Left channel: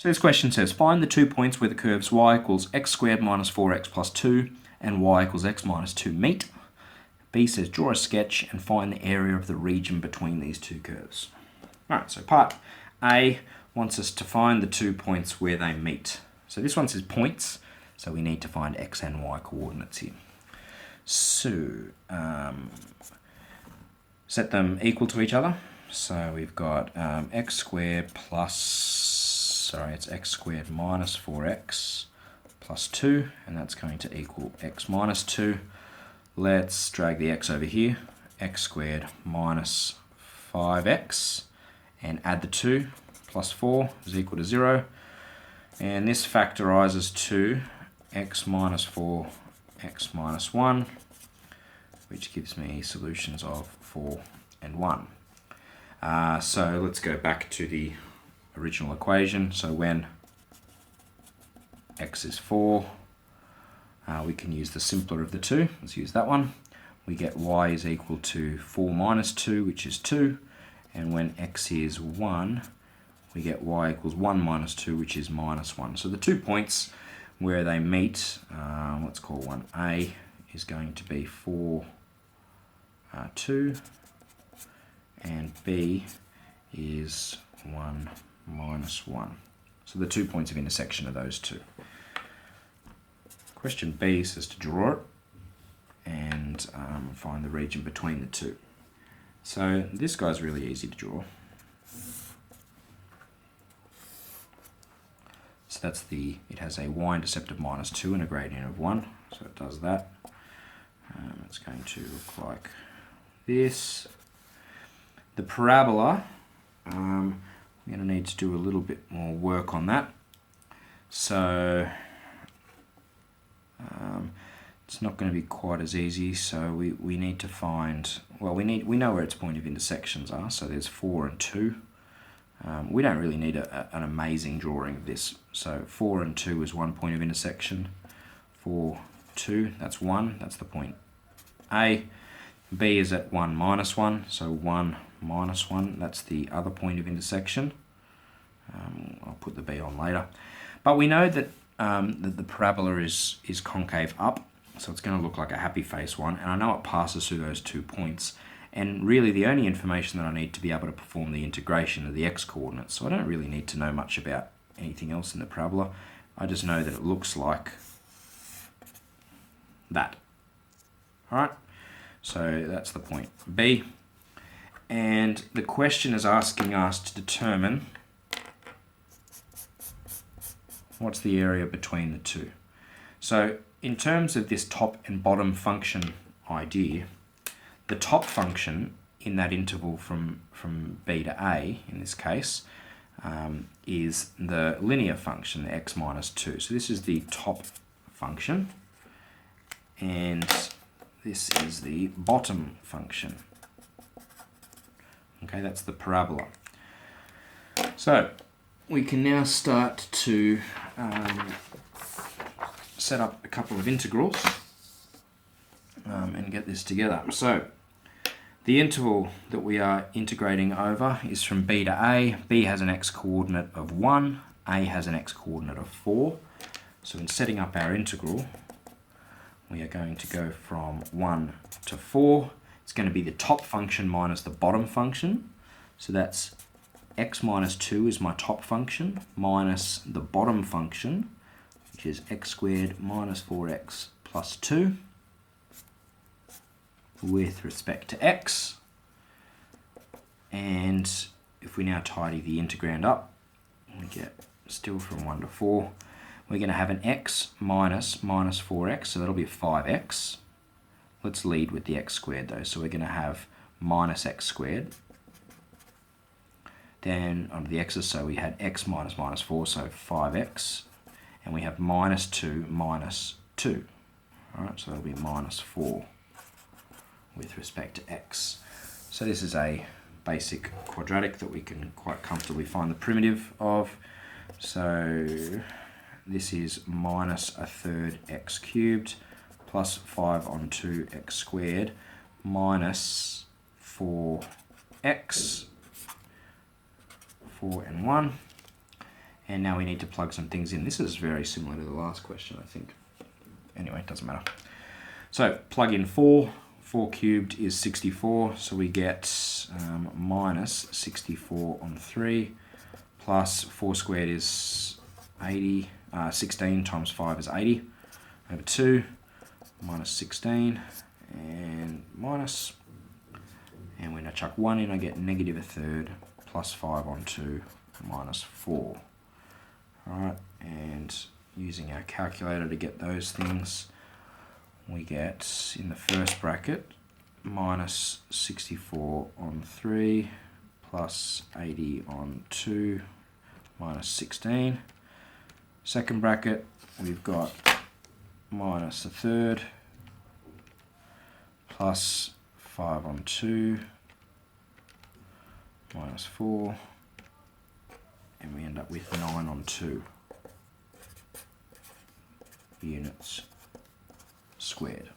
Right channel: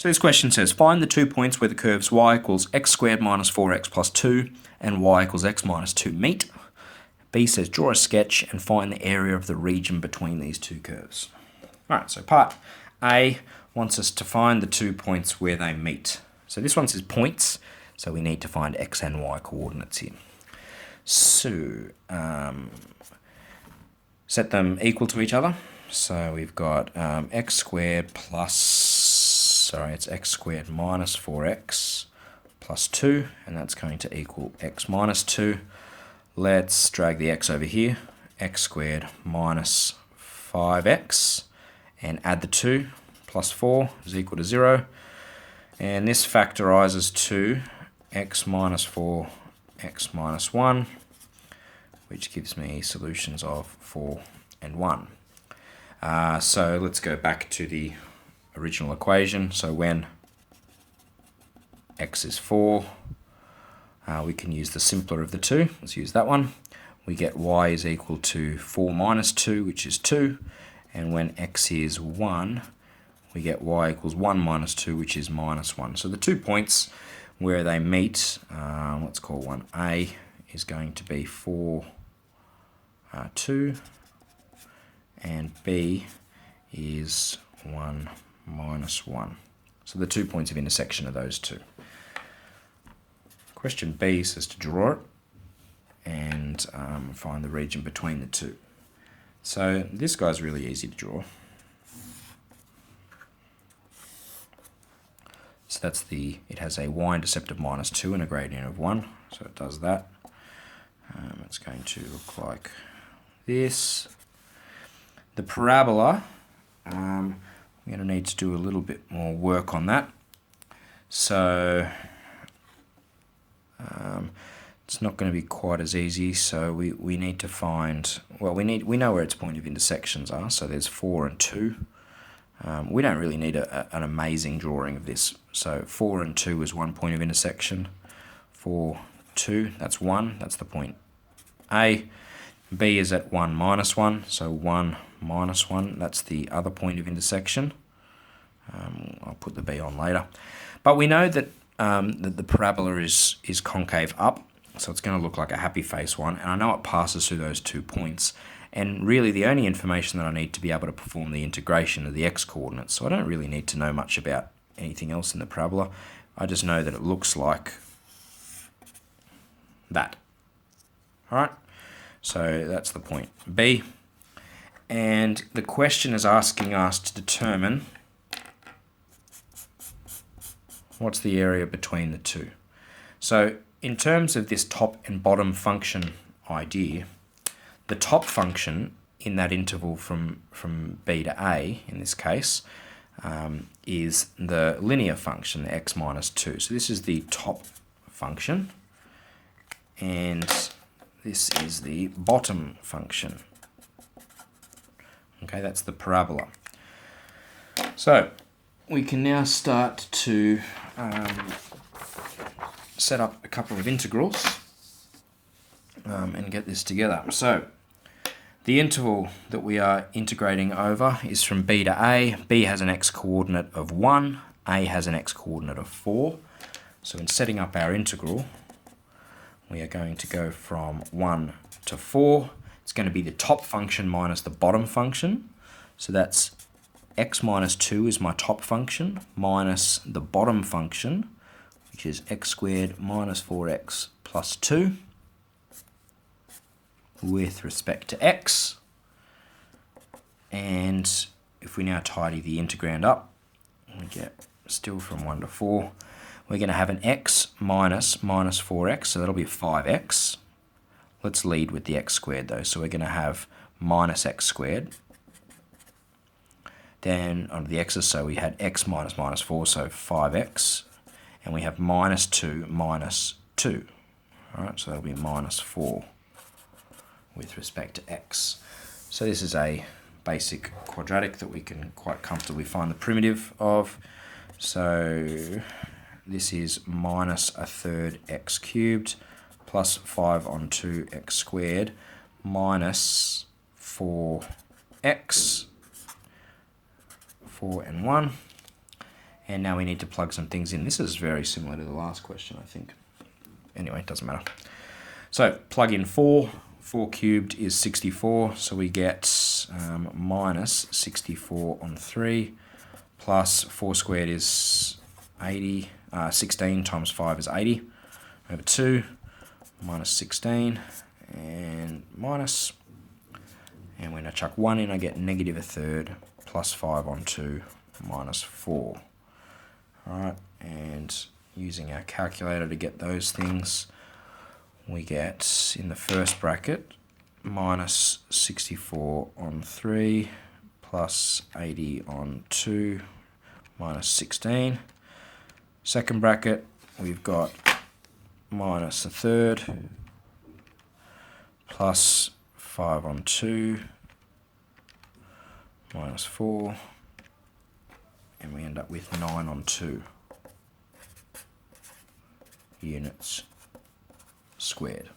So this question says, find the 2 points where the curves y equals x squared minus 4x plus 2 and y equals x minus 2 meet. B says, draw a sketch and find the area of the region between these two curves. All right, so part A wants us to find the 2 points where they meet. So this one says points, so we need to find x and y coordinates here. So set them equal to each other. So we've got x squared it's x squared minus 4x plus 2, and that's going to equal x minus 2. Let's drag the x over here, x squared minus 5x, and add the 2, plus 4 is equal to 0. And this factorizes to x minus 4, x minus 1, which gives me solutions of 4 and 1. So let's go back to the original equation. So when x is 4, we can use the simpler of the two. Let's use that one. We get y is equal to 4 minus 2, which is 2. And when x is 1, we get y equals 1 minus 2, which is minus 1. So the 2 points where they meet, let's call one A, is going to be 4, 2, and B is 1 minus 1. So the 2 points of intersection are those two. Question B says to draw it and find the region between the two. So this guy's really easy to draw. So that's it has a y-intercept of minus 2 and a gradient of 1. So it does that. It's going to look like this. The parabola, we're going to need to do a little bit more work on that. So it's not going to be quite as easy. So we need to find, well, we know where its point of intersections are. So there's 4 and 2. We don't really need an amazing drawing of this. So 4 and 2 is one point of intersection. 4, 2, that's 1. That's the point A. B is at 1 minus 1. So 1 minus 1, that's the other point of intersection. I'll put the B on later. But we know that the parabola is concave up. So it's going to look like a happy face one. And I know it passes through those 2 points. And really the only information that I need to be able to perform the integration are the x coordinates. So I don't really need to know much about anything else in the parabola. I just know that it looks like that. All right, so that's the point B. And the question is asking us to determine what's the area between the two. So in terms of this top and bottom function idea, the top function in that interval from B to A, in this case, is the linear function, the x minus 2. So this is the top function, and this is the bottom function. Okay, that's the parabola. So we can now start to set up a couple of integrals and get this together. So the interval that we are integrating over is from B to A. B has an x-coordinate of 1. A has an x-coordinate of 4. So in setting up our integral, we are going to go from 1 to 4. It's going to be the top function minus the bottom function. So that's x minus 2 is my top function minus the bottom function, which is x squared minus 4x plus 2 with respect to x. And if we now tidy the integrand up, we get still from 1 to 4, we're going to have an x minus 4x, so that'll be 5x. Let's lead with the x squared though, so we're going to have minus x squared. Then under the x's, so we had x minus 4, so 5x. And we have minus 2 minus 2. All right, so that'll be minus 4 with respect to x. So this is a basic quadratic that we can quite comfortably find the primitive of. So this is minus a third x cubed plus 5 on 2 x squared minus 4x, 4 and 1. And now we need to plug some things in. This is very similar to the last question, I think. Anyway, it doesn't matter. So plug in 4. 4 cubed is 64, so we get minus 64 on 3, plus 4 squared is 80. 16 times 5 is 80 over 2, minus 16, and minus. And when I chuck 1 in, I get negative a third, plus 5 on 2, minus 4. Alright, and using our calculator to get those things, we get in the first bracket minus 64 on 3 plus 80 on 2 minus 16. Second bracket, we've got minus a third plus 5 on 2 minus 4, and we end up with 9 on 2 units squared.